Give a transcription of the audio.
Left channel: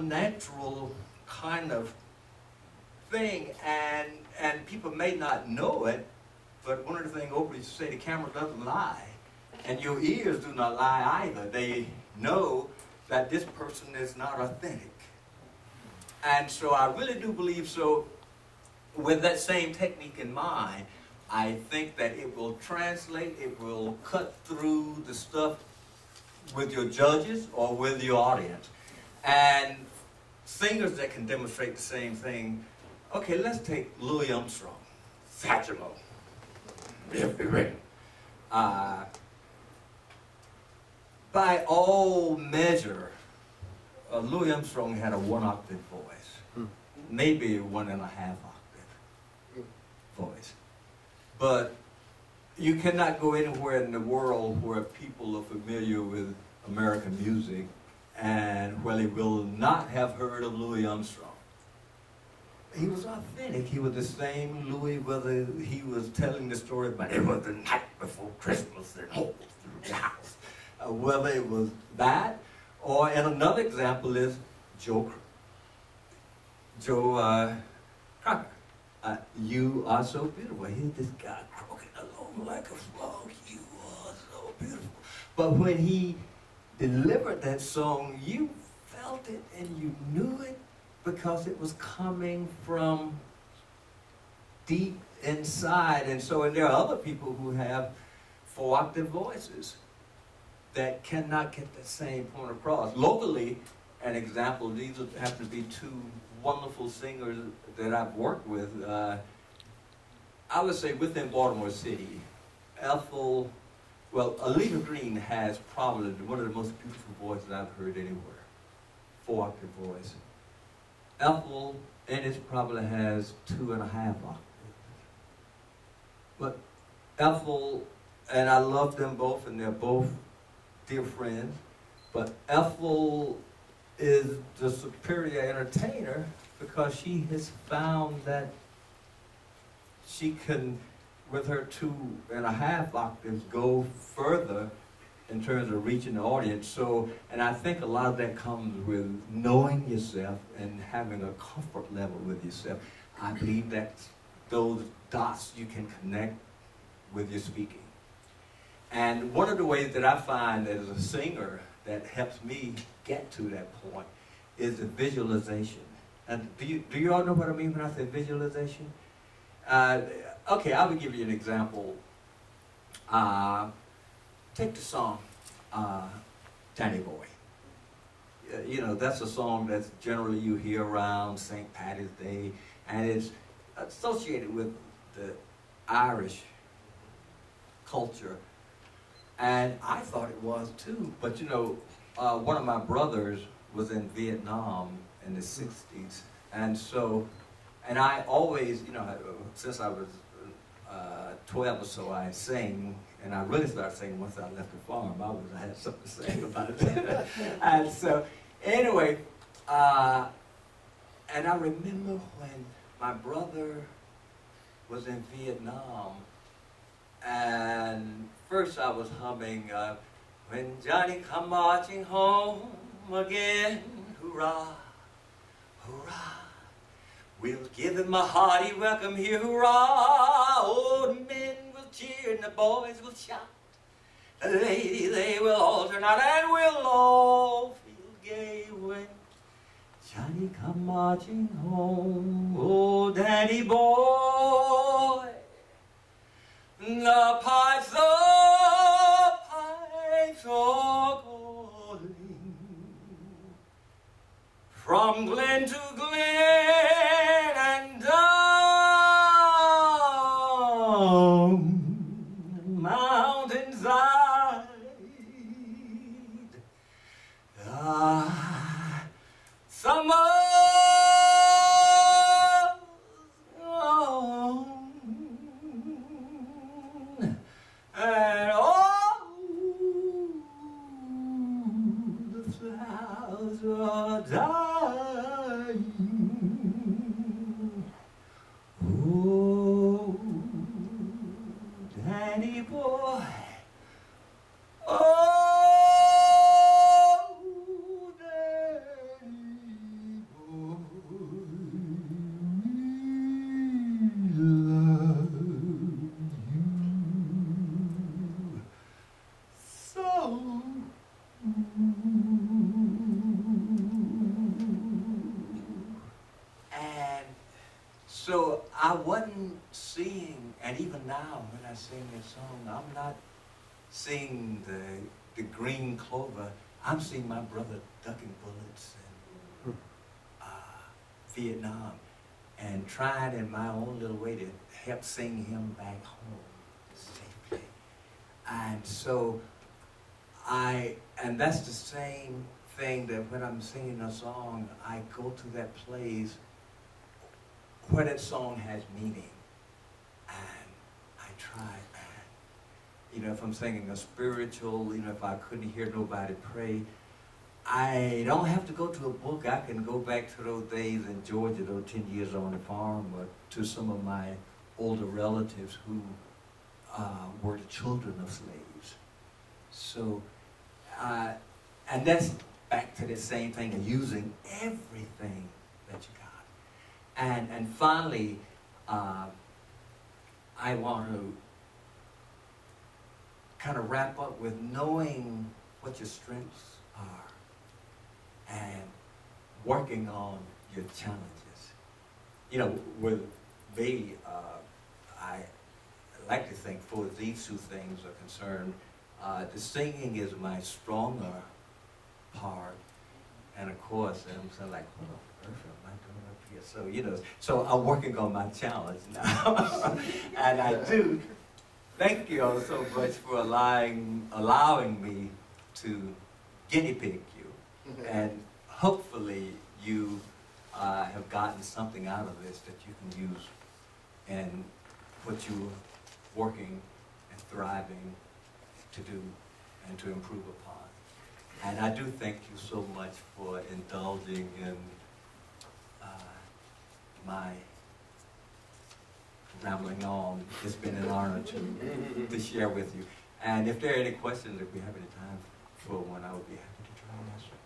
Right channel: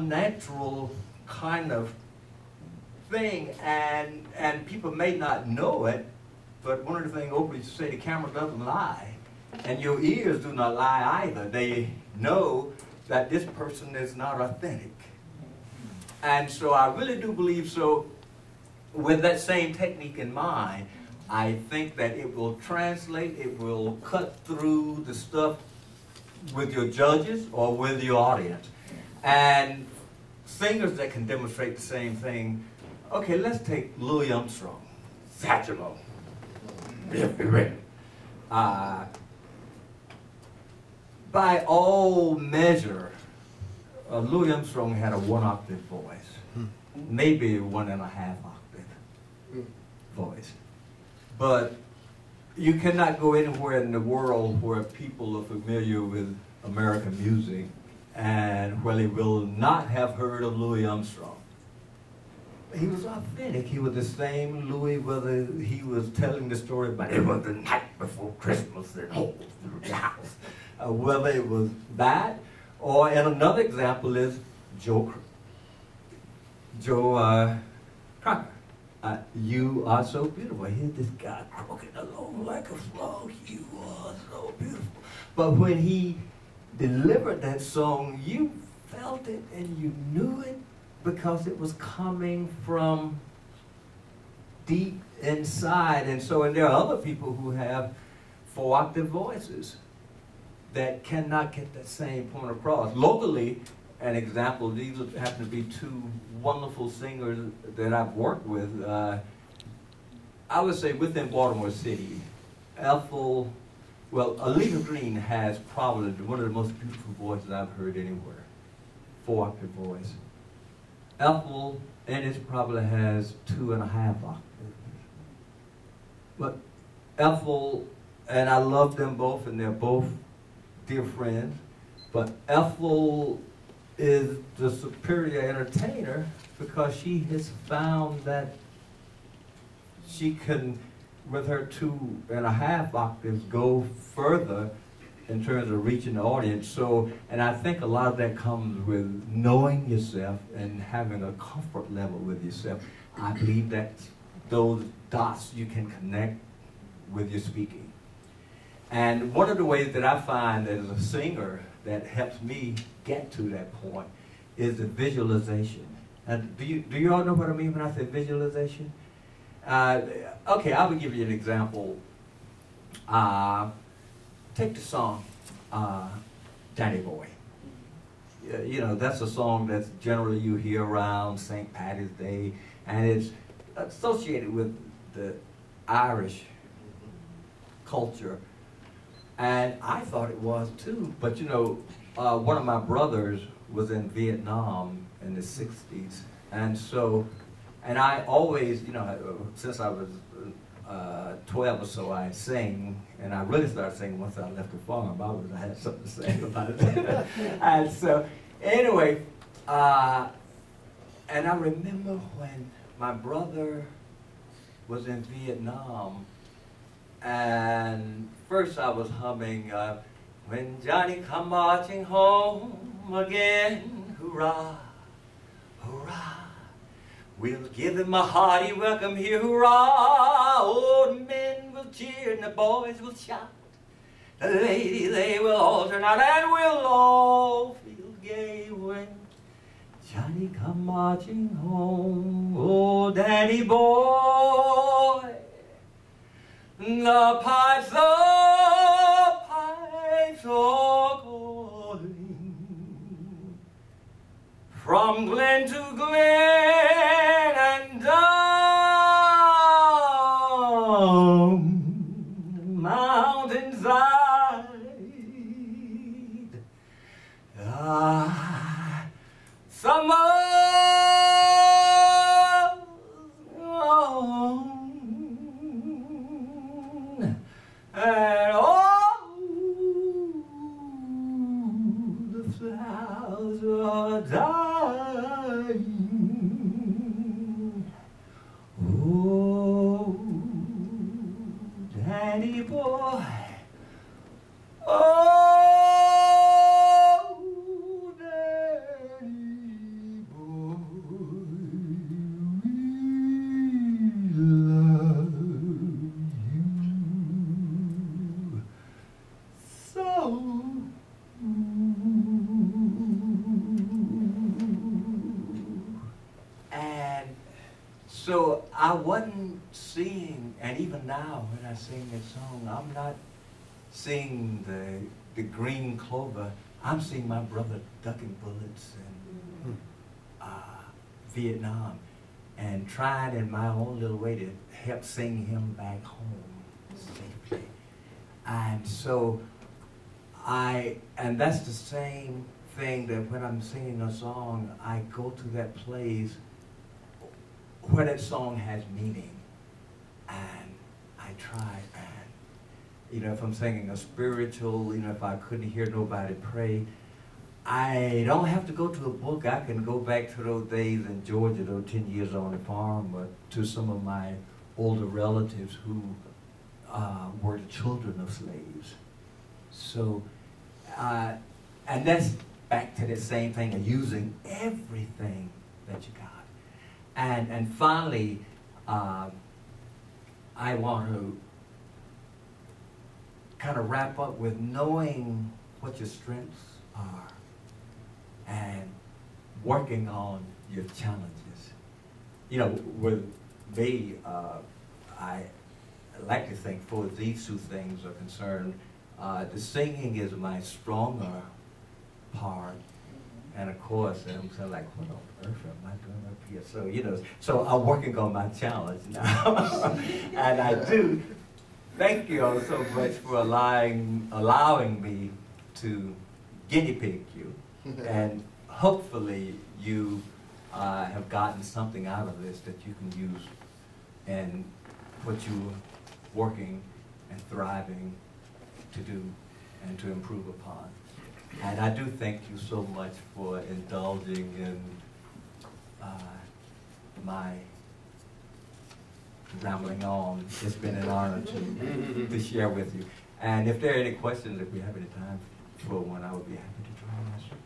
natural kind of thing, and people may not know it, but one of the things Oprah used to say, the camera doesn't lie, and your ears do not lie either. They know that this person is not authentic. And so I really do believe, so with that same technique in mind, I think that it will translate, it will cut through the stuff with your judges or with your audience. And singers that can demonstrate the same thing, okay, let's take Louis Armstrong, Satchmo, by all measure, Louis Armstrong had a 1 octave voice, maybe 1.5 octave voice. But you cannot go anywhere in the world where people are familiar with American music and where they will not have heard of Louis Armstrong. He was authentic. He was the same Louis, whether he was telling the story about it was the night before Christmas in the house, whether it was that, or, and another example is Joe Crocker. You are so beautiful. Here's this guy croaking along like a frog. You are so beautiful. But when he delivered that song, you felt it and you knew it because it was coming from deep inside. And so, and there are other people who have 4 octave voices that cannot get that same point across. Locally, an example, these happen to be 2 wonderful singers that I've worked with. I would say within Baltimore City, Ethel, well, Alita Green has probably one of the most beautiful voices I've heard anywhere. 4 octave voice. Ethel Ennis probably has 2.5 octaves. But Ethel, and I love them both, and they're both dear friends, but Ethel is the superior entertainer because she has found that she can, with her 2.5 octaves, go further in terms of reaching the audience. So, and I think a lot of that comes with knowing yourself and having a comfort level with yourself. I believe that those dots you can connect with your speaking. And one of the ways that I find as a singer that helps me get to that point is the visualization. And do you all know what I mean when I say visualization? Okay, I will give you an example. Take the song, Danny Boy. You know, that's a song that's generally you hear around St. Patty's Day, and it's associated with the Irish culture. And I thought it was too, but you know, one of my brothers was in Vietnam in the 60s, and so, and I always, you know, since I was 12 or so, I sang, and I really started singing once I left the farm. I had something to say about it. And so, anyway, and I remember when my brother was in Vietnam, and first I was humming, when Johnny come marching home again, hurrah, hurrah. We'll give him a hearty welcome here, hurrah. Old men will cheer and the boys will shout. The ladies, they will all turn out and we'll all feel gay when Johnny come marching home. Oh, Danny boy. The pipes are calling from glen to glen and down mountainside. Summer's gone and all the flowers are dying. So I wasn't seeing, and even now when I sing this song, I'm not seeing the green clover. I'm seeing my brother ducking bullets in Vietnam, and trying in my own little way to help sing him back home safely. And so and that's the same thing that when I'm singing a song, I go to that place where that song has meaning, and I try, and if I'm singing a spiritual, if I couldn't hear nobody pray, I don't have to go to a book. I can go back to those days in Georgia, those 10 years on the farm, or to some of my older relatives who were the children of slaves. So, and that's back to the same thing of using everything that you got. And finally, I want to kind of wrap up with knowing what your strengths are and working on your challenges. With me, I like to think for these two things are concerned, the singing is my stronger part. And of course, I'm saying like, what on earth am I doing up here? So I'm working on my challenge now. And I do thank you all so much for allowing me to guinea pig you. And hopefully you have gotten something out of this that you can use in what you're working and thriving to do and to improve upon. And I do thank you so much for indulging in my rambling on. It's been an honor to share with you. And if there are any questions, if we have any time for one, I would be happy to try and answer.